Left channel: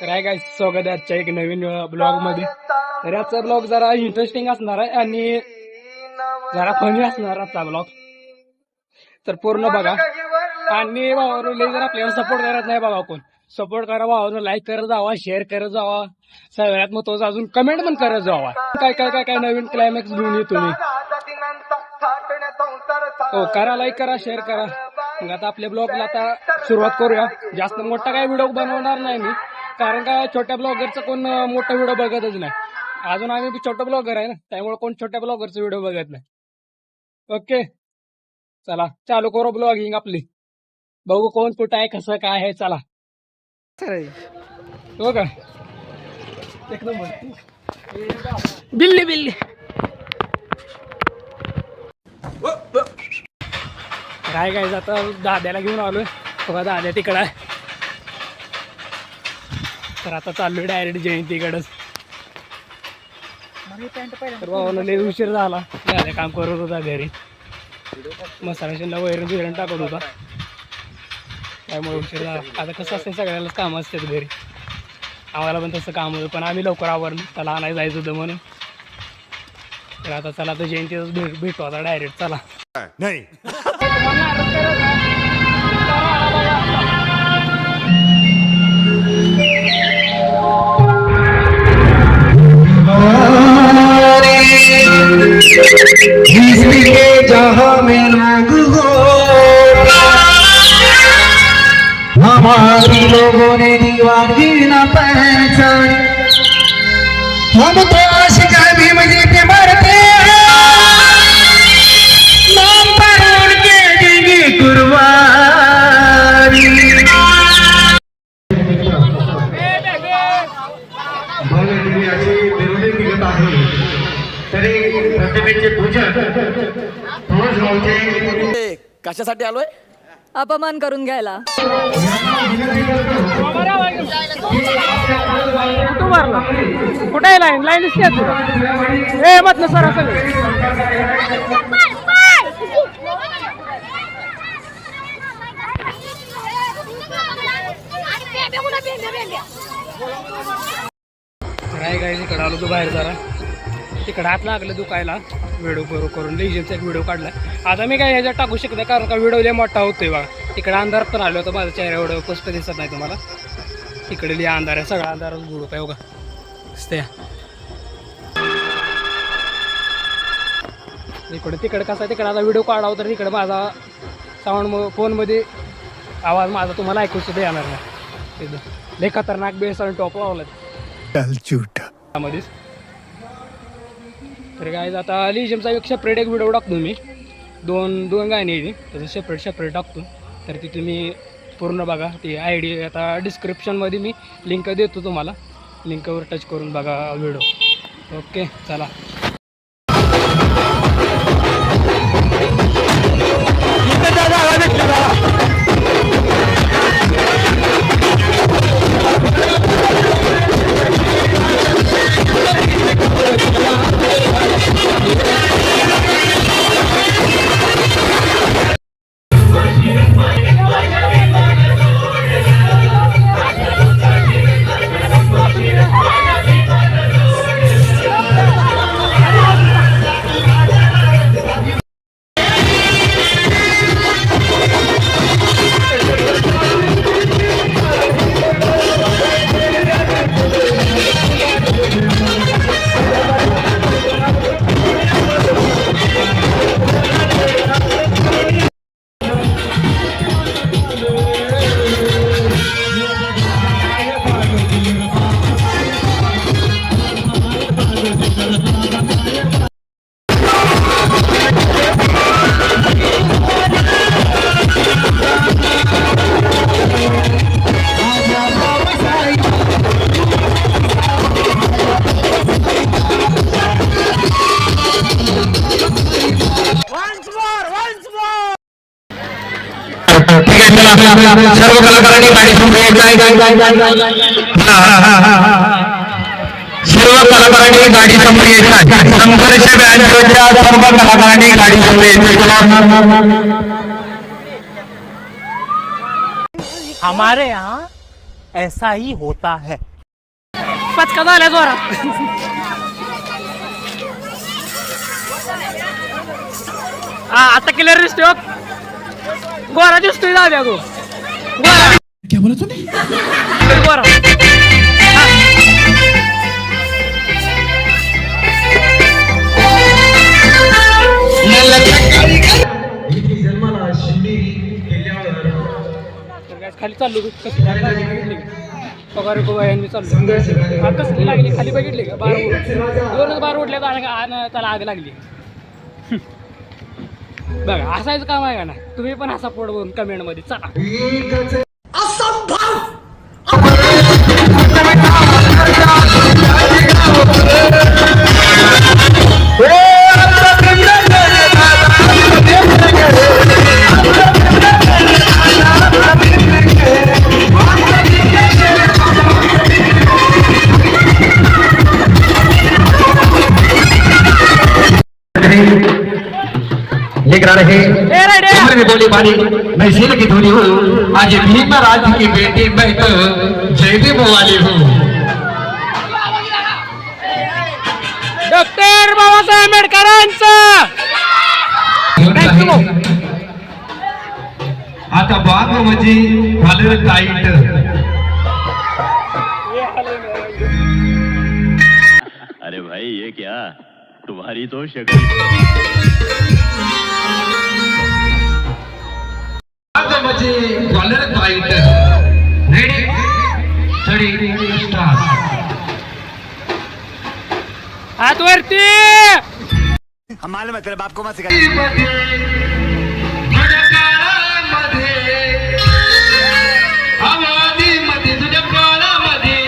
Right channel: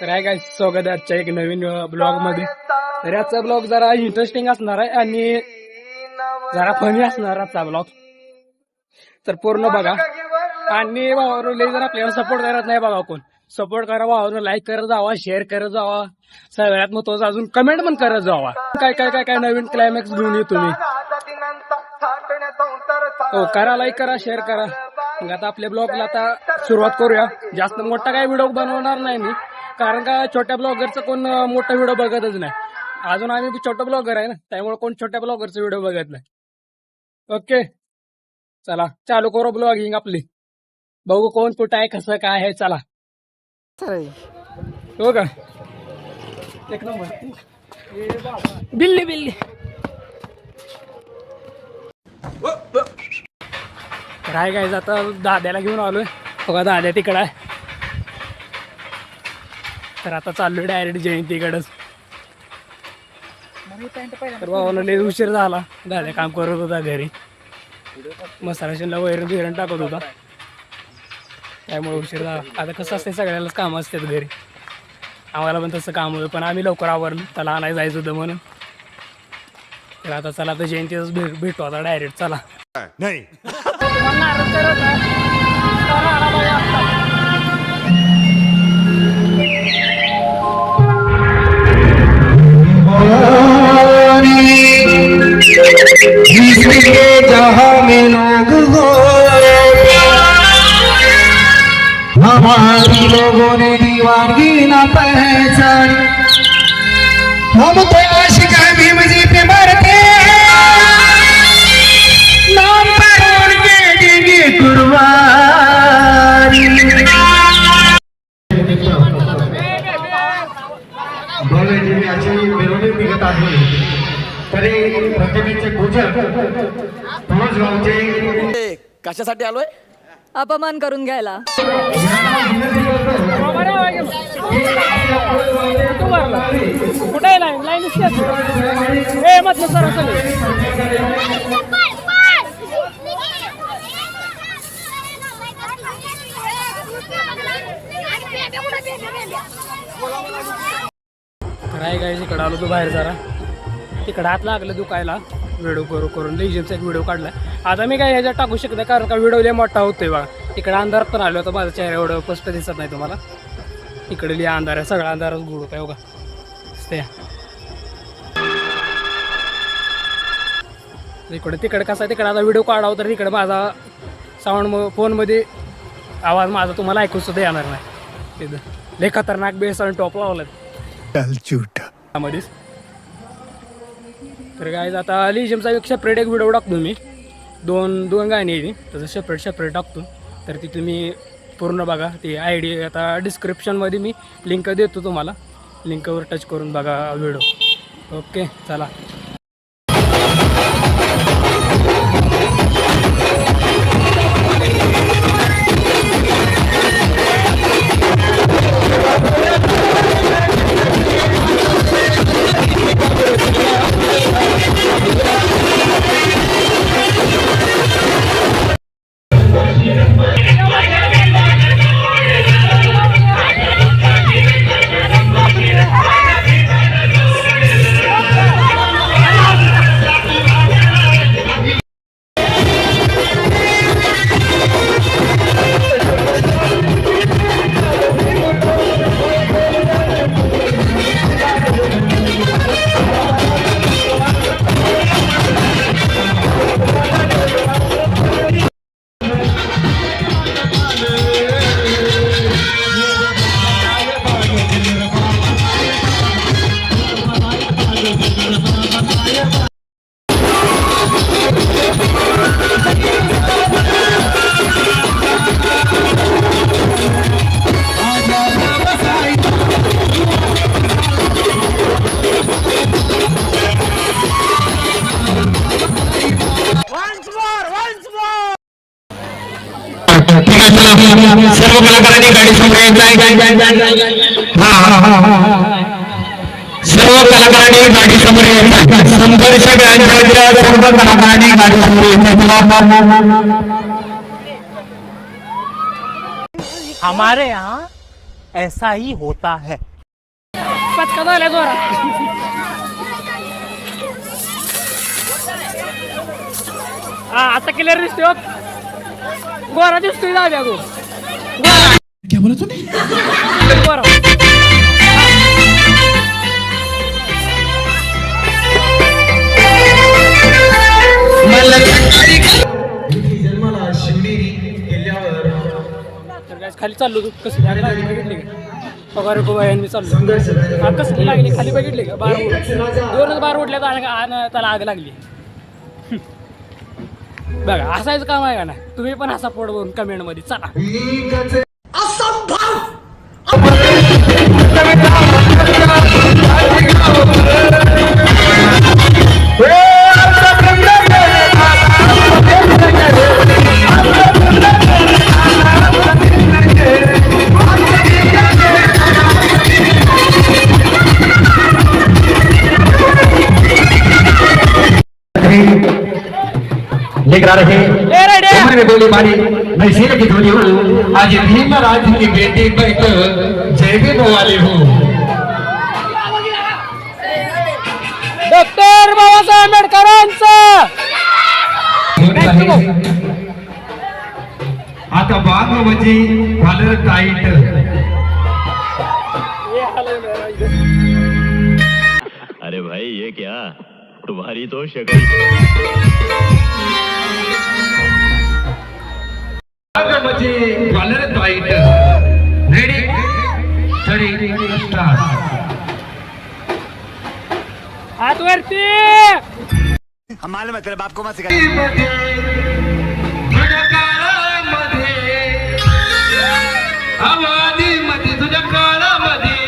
तर आहे काय स्वागत आहे आजच्या एक नवीन ब्लॉग मध्ये. तर आजचा ब्लॉग जरा इंटरेस्टिंग असणार आहे आणि जरा फनी असणार आजचा ब्लॉग. तर पूर्ण बघा आणि भावाला जर आपल्याला सपोर्ट करत नाही बघा कोण सपोर्ट करा भावानं, लाईक करत जावा, शेअर करत जावा, सगळ्यात महत्वाचं अजून कमेंट पण करत जावा. काय काय काय काय नवीन क्लायमॅक्स घेऊन येतो तुम्ही. हो करा, लाईक करा, शेअर करा. मग आता आपल्या ब्लॉगला आता सुरुवात करूया. जास्त मोठा काय व्हिडिओ बनवणार नाही मी, कारण का छोट्या ब्लॉगरचं कोण मोठा व्हिडिओ बघतच नाही. अजून आम्ही छोटा ब्लॉगर आहे ना, त्यामुळे कोण छोट्या ब्लॉगरचा व्हिडिओ बघत नाही. ओके चला चालू करू ब्लॉगिंग आपली. बघू कोण कुठं आहे, कसं काय आहे. चला हो का एक नंबर. बिल्ली बिल्ली काय काय आता दाद्याला घेऊन आलोय बघा. दाद्या तिकडं आहे. तर आता चाललोय डायरेक्ट जयंतीकडेच. तर भावाला लय उशीर झाला. दाद्या काम करत होता घरी, मसाला शिंदा वैरण बिरण टाकत होता, त्यामुळे उशीर झाला. आता कसं असते सगळ्यालाच काम असतात घरी, आम्हाला पण तसं काम होतं, पण आम्ही लवकर आवरलो. त्याला आणायला जायचं होतं म्हणून. तर आता चला आता जयंतीच भेटू आता डायरेक्ट. चला नाही जहाँ में लोग हो, हमारी लोगों ने दीवानगी न पहचानी. हम तो आशिक है भीम जी पे मरते हैं, नाम पर उनके देंगे कुर्बानी. भव्य दिव्याची मिरवणूक निघत आहे, तरी प्रतिमेचे पूजन रोज गावचे. कशासाठी आलोय? अपमान करून घ्यायला. तू मारला कुठे लाईन लाईन हे म्हटलं सर सगळं. काय काय तिकडं आलो तू बाहेर जरा. तिकडं हात लागलं दुखायला. व्हिडिओ करून लेजनचा एक व्हिडिओ काढला. आता मी काय ह्याच्यात टाकू शकत नाही, कारण का व्हिडिओ लय मोठा होतोय बघा. तिकडे अंधार पण आलो होतं, माझ्या चेहरा एवढं स्पष्ट दिसत नाही तुम्हाला. तिकडे लिहा अंधार आहे, सगळा अंधार गुडूप आहे बघा. इकडे तिकडे कसं आहे, तिकडे आता व्हिडिओ काढावं तर तिकडे माझा साऊंड फोनमध्ये आवाज माझा तुम्हाला ऐकू सुद्धा येणार नाही. तिथं लय खतरनाक बेस आणि टॉप लावला मध्येच. तर काय आता लिजमचा एक सेपरेट एक व्हिडिओ टाकतो मी. दोन गाणी आहे तसं सेपरेट टाकतो. तर ती तुम्ही पूर्ण बघा. ती ID आता डिस्क्रिप्शनमध्ये मी लिंक देतो तुम्हाला, लिंकवर टच करून बघा व्हिडिओ. ओके चला. सर्व कलाकारांनी गाडी समोर सर्व कलाकारांनी गाडी समोर येतात. संघर्ष सर्व कलाकारांनी गाडी समोर येतात. हमारे यहाँ ऐसा ही होता है. पचका झाल्या जोरा. हा आता क्लिअर दिसतोय हो. गोरा दिसतोय दाद्या गो. गोरा क्या बोला तूने? गोरा. हा. जन्माला शिवनेरी किल्ल्यावर तर काय खाली चाललो तू कसं बघितले पगार मी चाललो. संघर्ष हा कसली लागली खाली बघितले का बार दोनच बार उठल्या त्याला आग लागली. बघा हसायचं काम आहे का ना. तुम्ही पण हसा पोट बघून कमेंट मध्ये चला. लेकर आ रहे ए रेड्या. उम्र में बोली बारी मैं शेर की धोनी हूँ आज भीमराज की बेटी मैं तो जयदेव वाली हूँ. डॉक्टर बाबासाहेब आंबेडकरांचं. थँक्यू भाऊ. आता बाग म्हणजे वालर टाईट. अरे भाई ये क्या तुम्हारी तो शक्ल बाग म्हणजे वालर टाईट. Ready thirty start. हात वरती. हम मालूम है तेरे बाप को मत सिखा. तुझ्या काळामध्ये आवाजीमध्ये तुझ्या काळामध्ये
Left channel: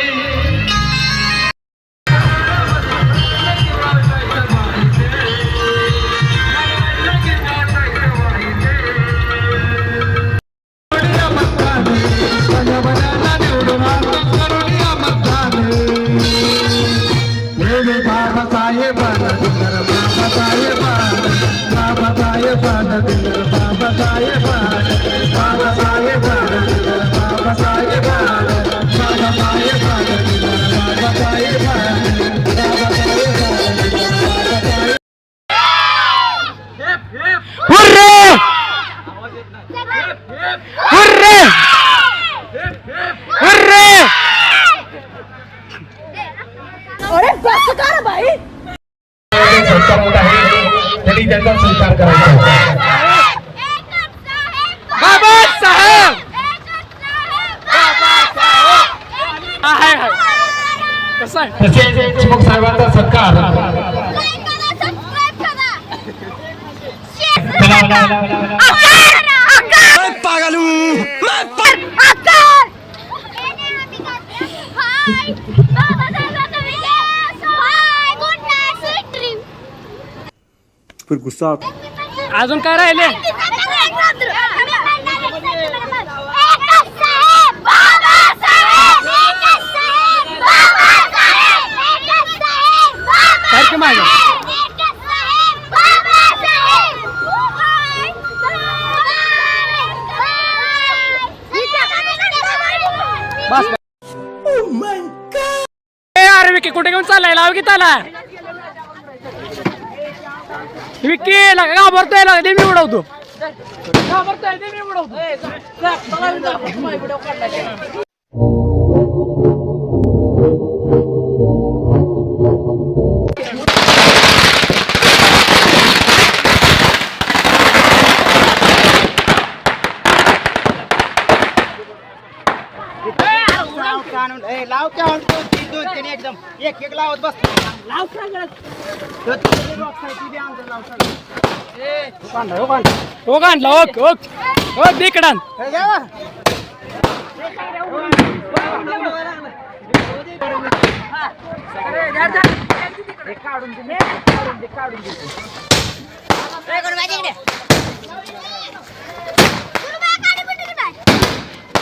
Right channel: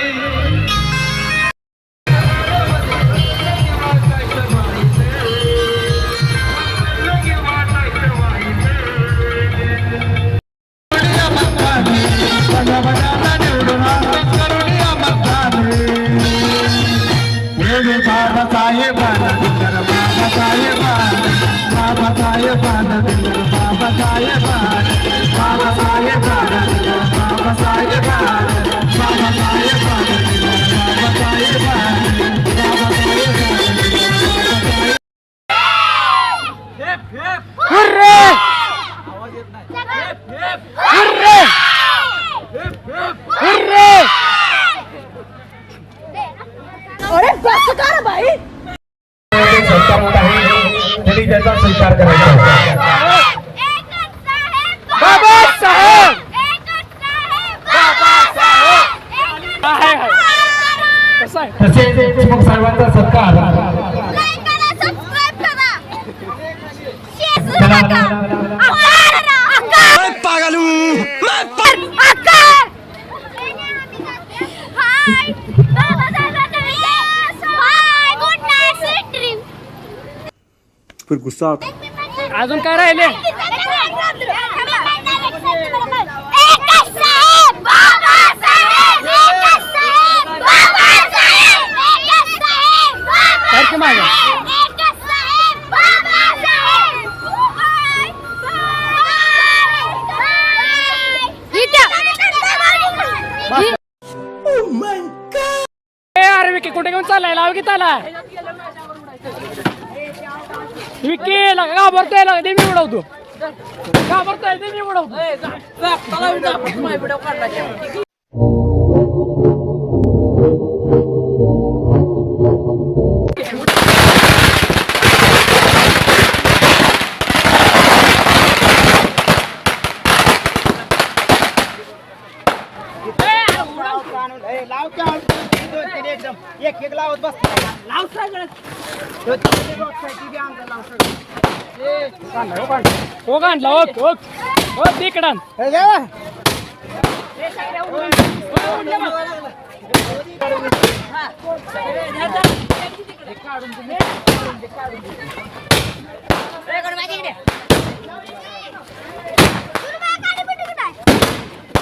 अरे बस कर भाई. तरी त्याचा स्वीकार करायचा. बाबासाहेब. आहे आहे कसं आहे. तसेच देशमुख साहेबांचा सत्कार. पागल हूँ. फिर गुस्सा अजून काय राहिले. सारखे माझ्या बस. ए अरे विकी कुठे घेऊन चाललाय. लाव की त्याला विकी घाबरतोय. दे मी उडवतो. घाबरतोय दे मी उडवतो. लाव क्या दोन तीन एकदम एक लावत बस. लाव सगळं. हो काढला ओक ओक हो तिकडान.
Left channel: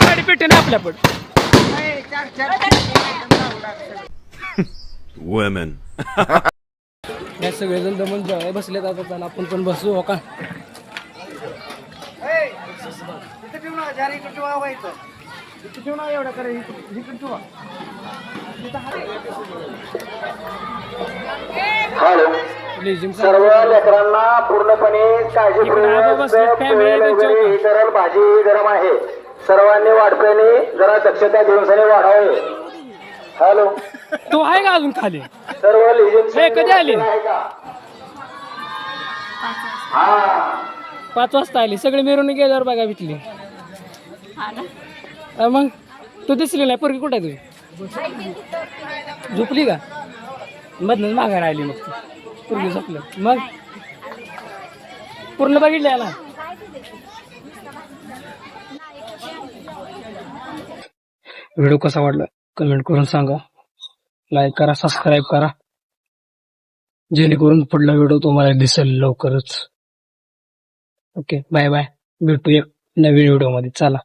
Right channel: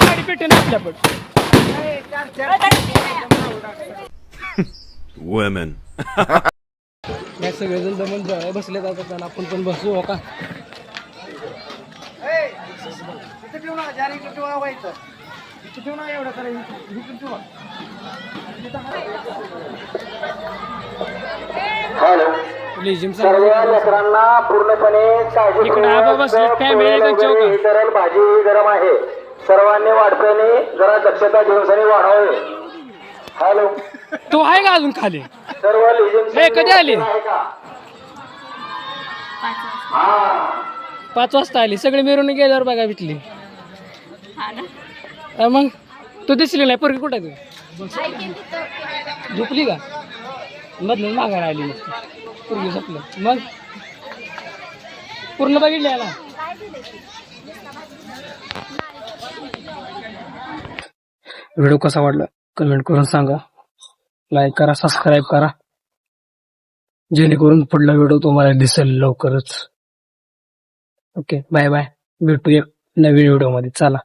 गाडी पेटे ना आपल्या पण. women. या सगळेजण दमून जेवाय बसले जातात. आपण पण बसू हो का. इथे ठेवू नका. इकडे ठेवा व्हायचं. इथे ठेवू नका एवढं करायचं. इकडे ठेवा. हॅलो लेझिम सर्व लेकरांना पूर्णपणे काळजी इकडे आबा बसले, family त्यांच्या होता. गरम भाजी गरम आहे. सर्वांनी वाढप्याने जरा दक्षता घेऊन सनी वाढावे. हॅलो तो आहे का अजून खाली? सर्व लेझिम हे कधी आले? 5 वाजता आली. सगळे मिरवणूक गेल्यावर बघा भेटली. मग तू दिसली नाही. पोरगी कुठं आहे तुझी? झोपली का? मधलं माघार आली. मग पोरगी झोपलं. मग पूर्ण बघितली ना. व्हिडिओ कसा वाटला कमेंट करून सांगा. लाईक करा, सबस्क्राईब करा, जेणेकरून पुढला व्हिडिओ तुम्हाला दिसेल लवकरच. Okay, bye bye. भेटूया नवीन व्हिडिओ मध्ये. चला.